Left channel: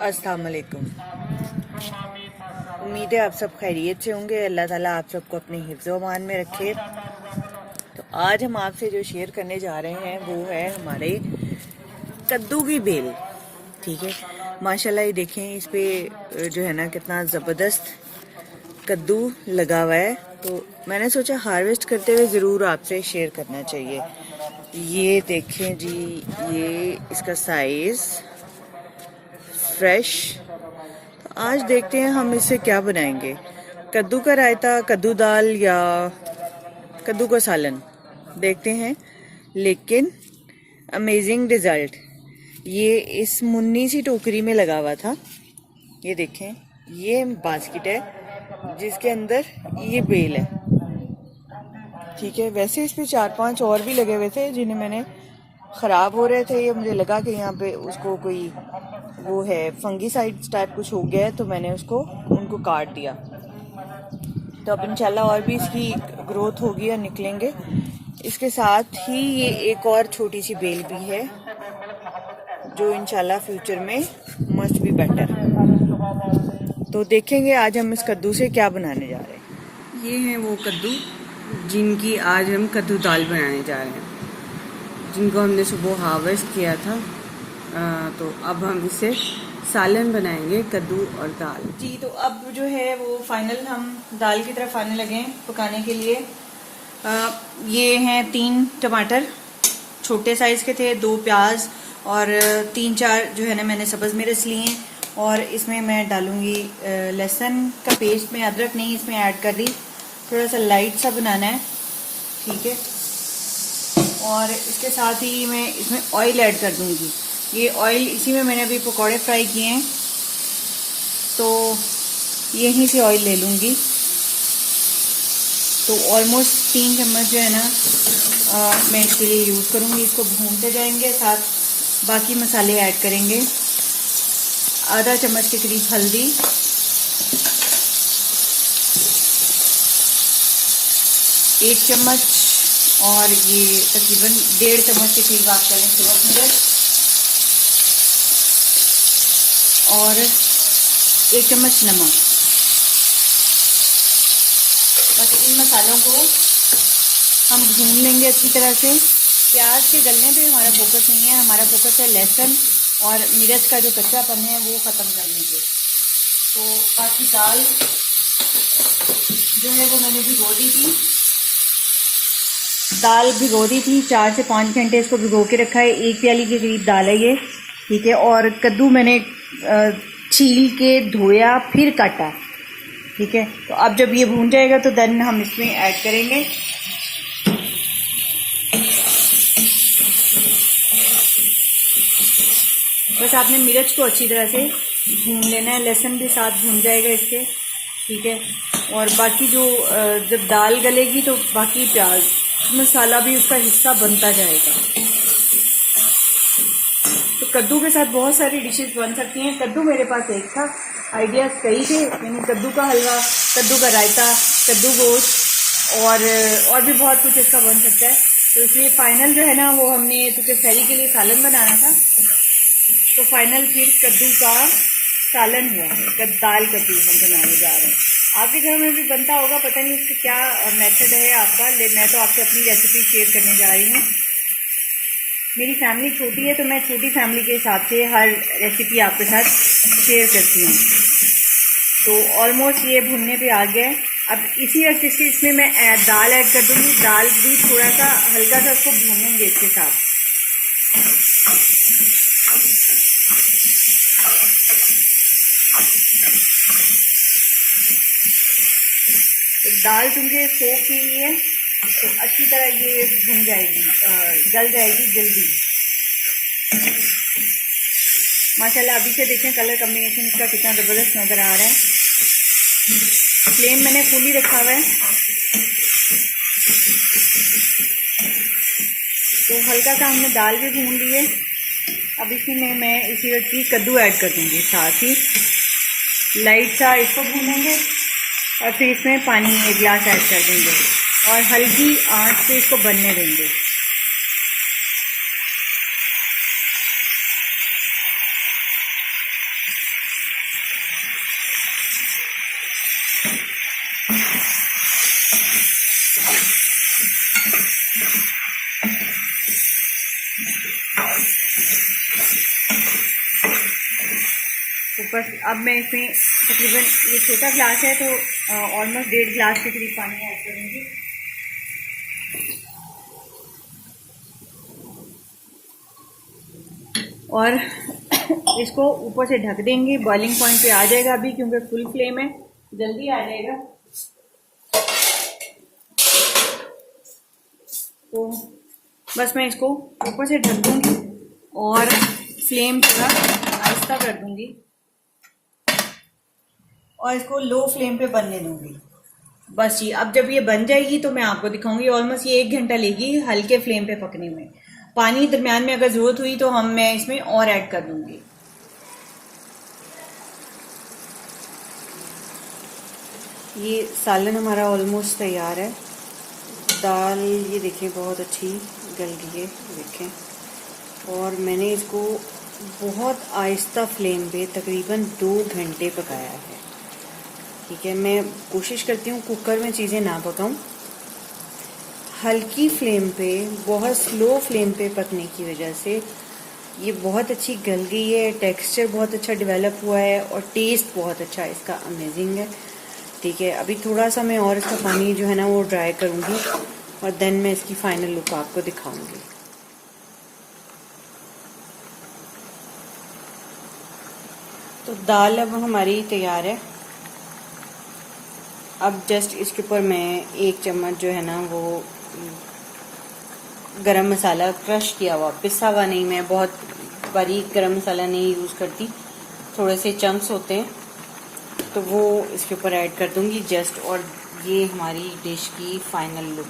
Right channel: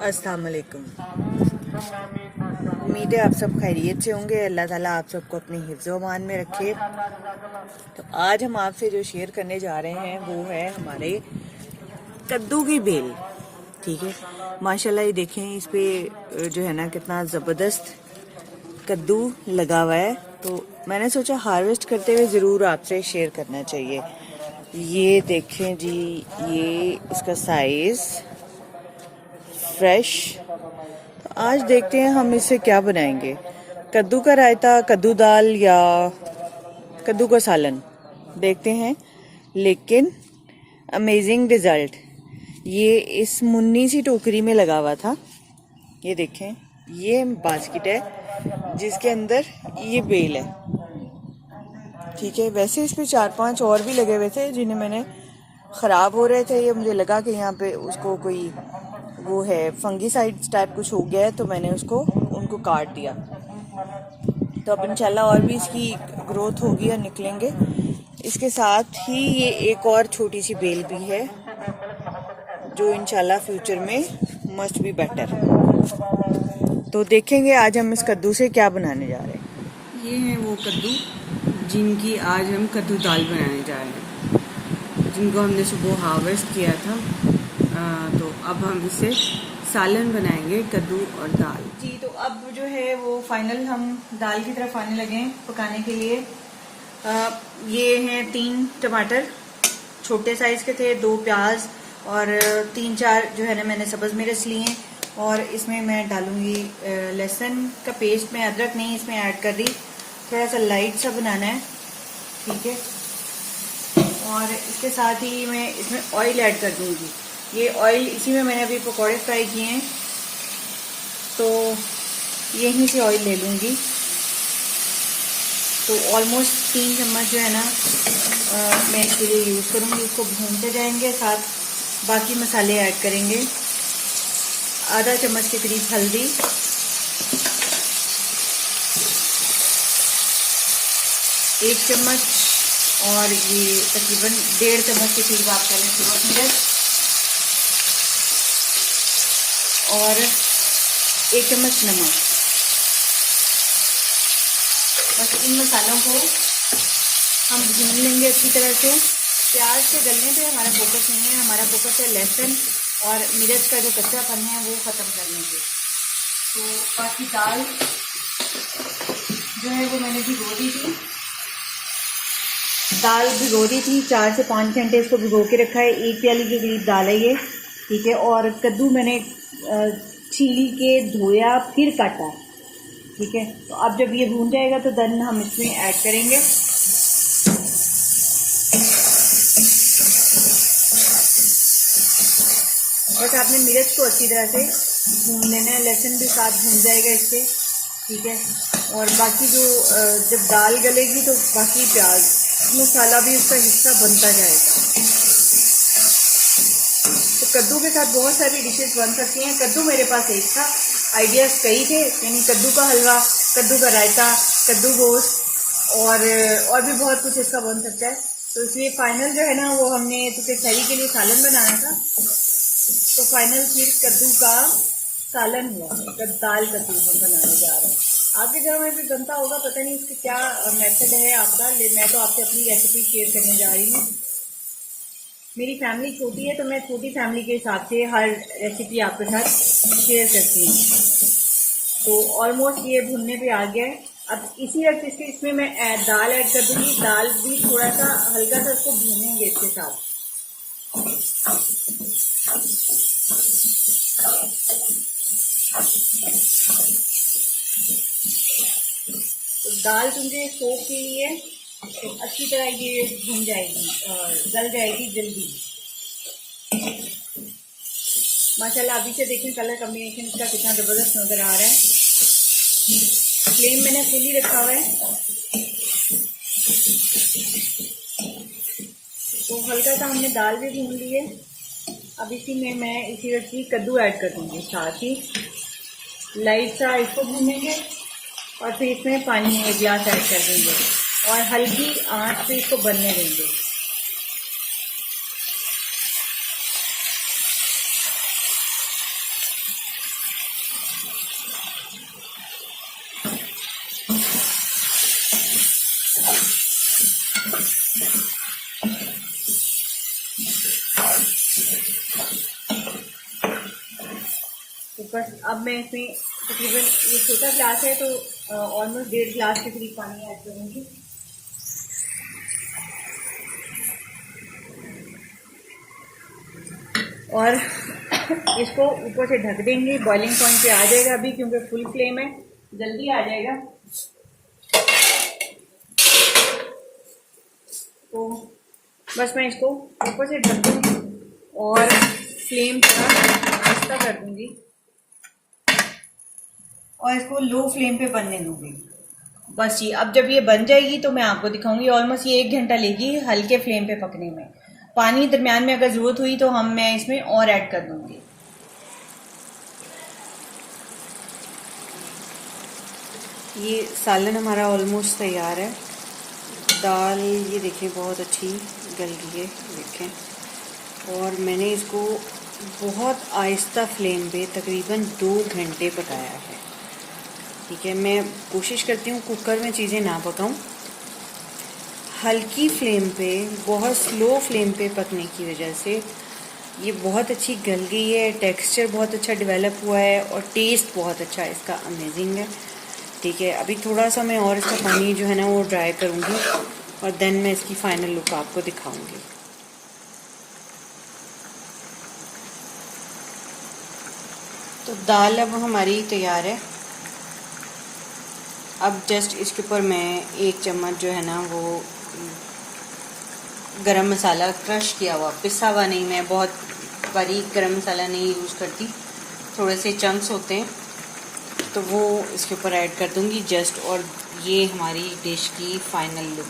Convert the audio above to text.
अस्सलाम वालेकुम। उम्मीद है आप सब खैरियत से होंगे। अल्लाह ताला आप सबको अपने हिफ्ज़ अमान में रखे। तो आज हम आपसे जो शेयर करने जा रहे हैं वो है हमारे कद्दू की बेल। ठीक है, माशाल्लाह ये देखें, इस पे जो है ना कितना ज़बरदस्त कद्दू लगा हुआ है। तो मैंने सोचा हार्वेस्ट करते हुए ज़रूर आपसे शेयर करना चाहिए। ये देखें जी, ये इसका साइज़ फ्रेश। तो आज देखते हैं हम इससे क्या बनाएंगे, कद्दू का रायता, कद्दू दाल या कद्दू का सालन, देखते हैं। लेकिन अमेजिंग रिजल्ट। ये इस मुन्नी सी टोकरी में लगा हुआ था। ये देखें, ये बास्केट है जिसके अंदर ये बेल है। ठीक है, वैसे इस पे 4-5 और भी लगे हुए थे जिन्हें मैंने ख़राब हो रहे थे। ये मुझे लगा कि यहाँ पे उसको कोई वो है फंगीसाइड टाइप कुछ हो गया है, तो मैंने उनको काट दिया। तो अब इंशाल्लाह और भी इसकी ग्रोथ होगी और निकलेंगे। इसके साथ ही ये एक और छोटी सी बेल भी है जो इंशाल्लाह फ्यूचर में मस्ट बी बेटर। तो देखेंगे आज हम इस कद्दू से क्या बनाने जा रहे हैं। ये हैं वो कद्दू जिनकी आज हम कद्दू दाल बनाने जा रहे हैं, जिनको हमने सुबह हार्वेस्ट किया था। तो अब हम इससे सालन बनाएंगे, कद्दू और दाल जी। तो अब जो है वो फाइनल हम दाल की तरफ आने लगे पकाने के लिए। ये हैं 3 टमाटर, छोटे साइज के थे, 2 प्याज और 3-4 जो है ना मैंने सब्ज मिर्च लिए हैं। और इसमें मैं डालूंगी लहसुन का पेस्ट। मैं अदरक नहीं इसमें ऐड कर रही, थोड़ा सा लाइट सा बनाना है। ठीक है, और इसके साथ ही मैं इसमें ऑयल ऐड कर दूंगी। ये ऑयल, इसी में मैंने अभी पकौड़े फ्राई किए हैं, तो यहीं से ऑयल ले लूंगी। तो ऑलमोस्ट 3 चम्मच जो है ना मैं इसके लिए यूज़ करूंगी। इसको भूनते जाएंगे, साथ बाकी मसाले ऐड करेंगे। आधा चम्मच के करीब हल्दी, 1 चम्मच, और ये तकरीबन 1.5 चम्मच के करीब आप करें सूरज मिर्च, और 1 चम्मच नमक। बस इन मसालों को हम भून लेंगे अच्छी तरह से। प्याज के गलने पे हमारा फोकस नहीं है, हमारा फोकस है लहसुन और मिर्च का जो कच्चापन है वो ख़त्म करने पे। तो बाकी दाल जो है वो मैंने भिगो दी थी। दाल भिगो दी थी, 4 से 5 घंटे इसको भिगो के रखा है। 1 प्याली के करीब दाल है ये। ठीक है, और कद्दू मैंने छील के धोया फिर काटा। ठीक है, तो अब जब ये भून जाएगा तो देन हम इसमें ऐड करेंगे। बस आपने मिर्च को अच्छी तरह से भून लेना है, लहसुन भी साथ भून जाएगा इसके। ठीक है, और बाकी जो जब दाल गलेगी तो बाकी प्याज मसाला भी उसका हिस्सा बनता जाएगा। तो कद्दू के साथ बहुत सारी डिशेस बन सकती हैं। कद्दू मेरे पास एक था, आइडियाज़ कई थे, यानी कद्दू का हलवा, कद्दू का रायता, कद्दू गोश्त और भी बहुत कुछ इसका बन सकता है। तो इसलिए फाइनल जो है ना वो हमने क्योंकि सैली के लिए सालन बनाना था, तो फाइनल फिर कद्दू का सालन हुआ। दाल कद्दू हम बनाने जा रहे हैं। आपके घर में भी बनता होगा, पता नहीं इसका क्या मेथड है आपका, मैं तो आपको अपनी रेसिपी शेयर करने जा रही हूँ। मेरी फैमिली छोटी है तो मैं छोटी फैमिली के हिसाब से हर रेसिपी आपके साथ शेयर करती हूँ। तो ऑलमोस्ट ये भुनने पे आ गया है। अब इसी वक्त इसमें मैं दाल ऐड कर दूँगी। दाल भी थोड़ा सा हल्का सा उसको भूनेंगे इसके साथ। तो दाल चूँकि सोख के लिए तो अच्छी तरह ये भुन जाएगी, गल जाएगी जल्दी। माशाल्लाह अभी से देखें कलर कम्बिनेशन इसका कितना ज़बरदस्त नज़र आ रहा है। फ्लेम मैंने फुल ही रखा हुआ है। तो हल्का सा हमने दाल भी भून ली है। अब इसी में मैं इसी वक्त कद्दू ऐड कर दूँगी साथ ही। लाइट सा इसको भूनेंगे और फिर इसमें पानी 1 गिलास ऐड कर देंगे और हल्की आंच पे इसको बनने देंगे। ऊपर अब मैं इसमें तकरीबन ये छोटा गिलास है तो ऑलमोस्ट 1.5 गिलास के करीब पानी ऐड करूँगी। और इसको ऊपर से ढक देंगे। बॉइलिंग पॉइंट पे आ जाएगा अभी, क्योंकि फुल फ्लेम है, जल्दी आ जाएगा। तो बस मैं इसको ऊपर से ढक दूँगी और फ्लेम थोड़ा आहिस्ता कर दूँगी और इसको लो फ्लेम पे बनने दूंगी। बस ये अब जब ये बन जाएगी तो मैं आपको दिखाऊंगी। ऑलमोस्ट ये 1 घंटा लेगी हल्के फ्लेम पे पकने में। पानी दरमियान में अगर जरूरत हुई तो मैं इसमें और ऐड कर दूंगी। ये सालन हमारा ऑलमोस्ट तैयार है। दाल ये देखिए बहुत अच्छी गल गई है, देखें। और मैंने इसको बहुत आहिस्ता फ्लेम पे तकरीबन 2 घंटे पकाया है। ठीक है, मैं कोशिश करती हूँ कुकर में चीज़ें ना पकाऊं। हल्की फ्लेम पे, बहुत स्लो फ्लेम पे पकने की वजह से ये बहुत अच्छी गल गई है। टेक्सचर बहुत अच्छा डेवलप हुआ है और टेस्ट बहुत अच्छा इसका अमेजिंग है। ठीक है, अभी थोड़ा सा मैं और इसका पानी जो है ना वो ड्राई करूँगी और देन मैं इसकी फाइनल लुक आपको दिखाऊंगी। तो दाल अब हमारी तैयार है। अब जस्ट इसके ऊपर मैं 1 चम्मच जो है ना वो गरम मसाला क्रश किया हुआ, पिसा हुआ नहीं, मैं बहुत बारीक गरम मसाला नहीं यूज़ करती, थोड़े से चंक्स होते हैं, तो वो इसके ऊपर ऐड कर दूंगी जस्ट। और ये हमारी डिश की फाइनल लुक।